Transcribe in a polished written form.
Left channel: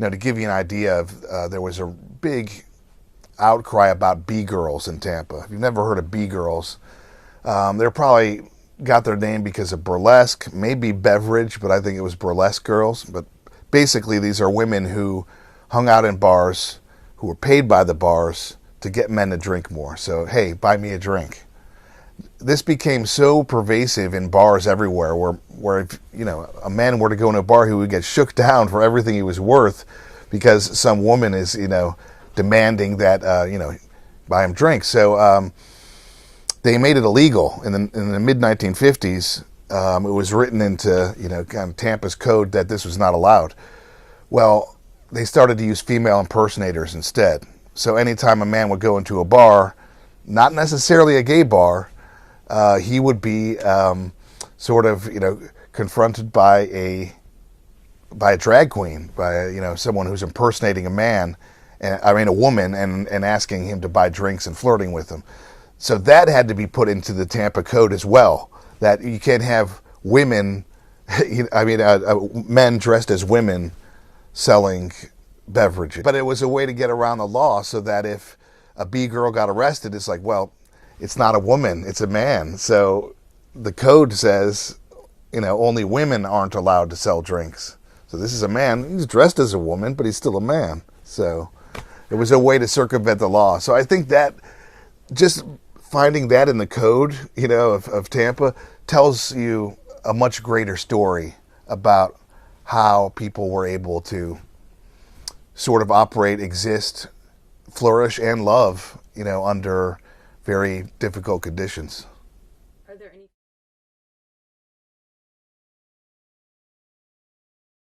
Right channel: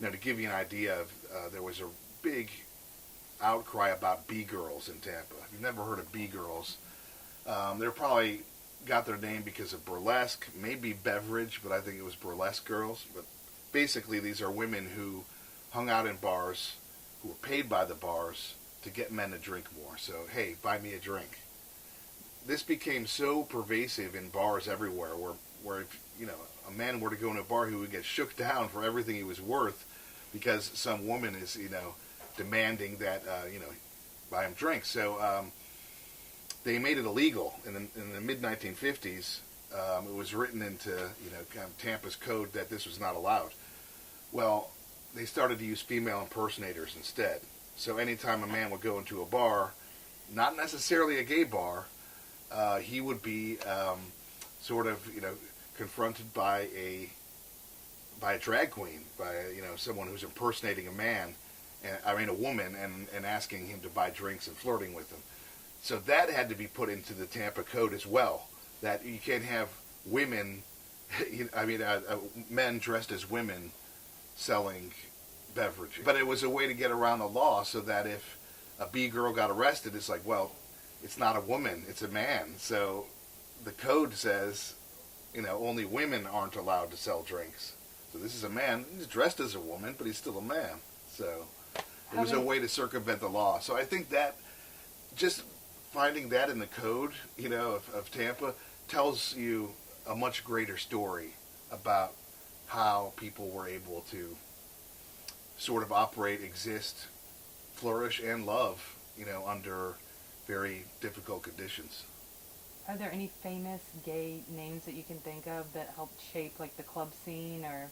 To give you an idea of, there was a big outcry about B-girls in Tampa. If you've never heard of B-girls, they're probably got their name because of burlesque, maybe beverage, but I think it was burlesque girls. But basically, these are women who hung out in bars, who were paid by the bars to get men to drink more. So, hey, buy me a drink. This became so pervasive in bars everywhere, where if a man were to go in a bar, he would get shook down for everything he was worth, because some woman is demanding that buy him drinks. So they made it illegal in the mid 1950s. It was written into kind of Tampa's code that this was not allowed. Well, they started to use female impersonators instead. So anytime a man would go into a bar, not necessarily a gay bar, he would be sort of confronted by a drag queen, by someone who's impersonating a man, a woman, and asking him to buy drinks and flirting with him. So that had to be put into the Tampa code as well. That you can't have women, men dressed as women selling beverages. But it was a way to get around the law, so that if a B girl got arrested, it's like, well, it's not a woman, it's a man. So the code says, only women aren't allowed to sell drinks. So this is a man. He's dressed as a woman, but he's still a man. So it was a way to circumvent the law. So I think that just finding that in the code, of Tampa tells you a much greater story about how people were able to sort of operate, exist, flourish, and love, under very difficult conditions. Are there any famous gay names that you can think of that helped shape like the club scene or